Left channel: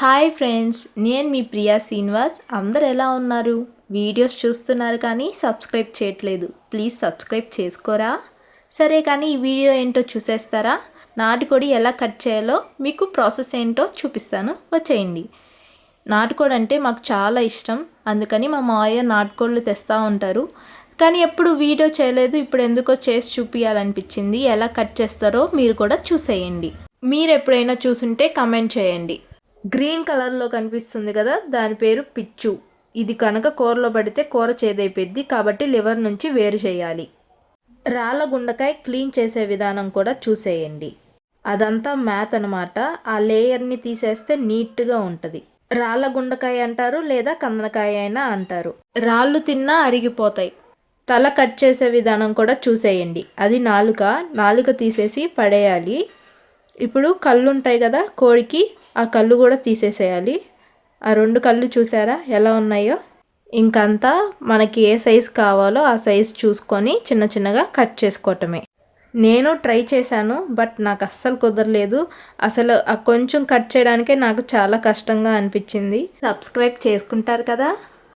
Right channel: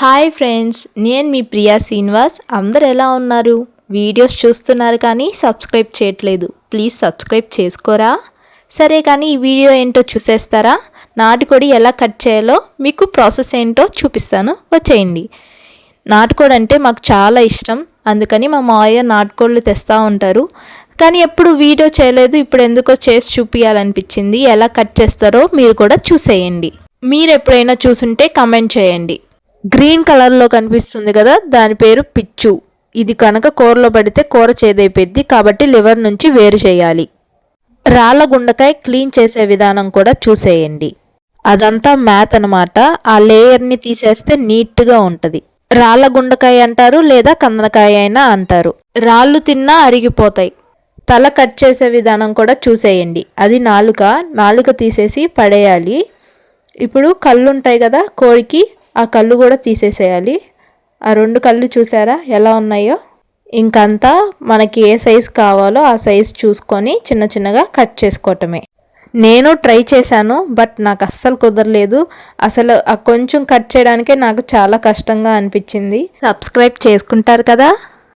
Hi friends, నేను మీ ప్రియా శ్రీనివాస్. అందరు ఎలా ఉన్నారు? వీడియోస్ చూస్తున్నారు కానీ సబ్స్క్రైబ్ చేయట్లేదు. ప్లీజ్ సబ్స్క్రైబ్ చేసుకోరా? సరే కానీ ఈ వీడియో ఏంటో చూసేస్తారా? నాటుకోడి ఎలా కట్ చేయాలో మీకు ప్రాసెస్ ఏంటో చూపిస్తాను, వచ్చేయండి. నాటుకోడి అంటే మాకు చాలా ఇష్టం, అందుకని మా మావయ్య నాటుకోళ్ళు తెస్తూ ఉంటారు. కానీ ఎప్పుడు వీడియో చేయలేదు, ఇప్పుడు ఎందుకో చేసి చూపించాలనిపించింది. ఎలా కట్ చేస్తారో మీరు కూడా చూసేయండి. మీరు ఎప్పుడైనా చూసుంటే కమెంట్ చేయండి. గ్రీన్ కలర్లో కనిపిస్తుంది కదా, దాని పేరు పిచ్చు. ఇది కనుక కూరలో పడితే కూర చేదైపోద్ది, కాబట్టి లివర్ నుంచి వేరు చేయాలి. రాళ్ళ గుండకాయ క్లీన్ చేసే విధానం కూడా చూసేయండి. అదంతా మ్యాత్ అనమాట. ఆ లేయర్ని తీసేస్తే నీట్గా ఉంటుంది. రాళ్ళ గుండకాయ అంటారు, లేదా కందనకాయ అయినా అంటారు. రాళ్ళు తిన్నా అరిగిపోతాయి. తల కట్ చేసే విధానం కూడా చూసేయండి. అది నాలుక తీసేసి పడేయాలి. ఇప్పుడు కళ్ళు ఉంటాయి కదా కోడికి, ఆ కళ్ళు కూడా తీసేసేయాలి. ఆ 2 కళ్ళు చూసారా ఎలా ఉన్నాయో? ఇంకంతా మనకి ఏ సైజు కావాలో ఆ సైజు చూసుకొని చిన్న చిన్నగా కట్ చేసుకోవటమే. నేను ట్రై చేశాను, బట్ నాకు అస్సలు కుదరలేదు. అసలు ఆ కొంచెం కట్ చేయడానికే నాకు చాలా కష్టంగా అనిపించింది. సబ్స్క్రైబ్ చేసుకుంటారు కదా?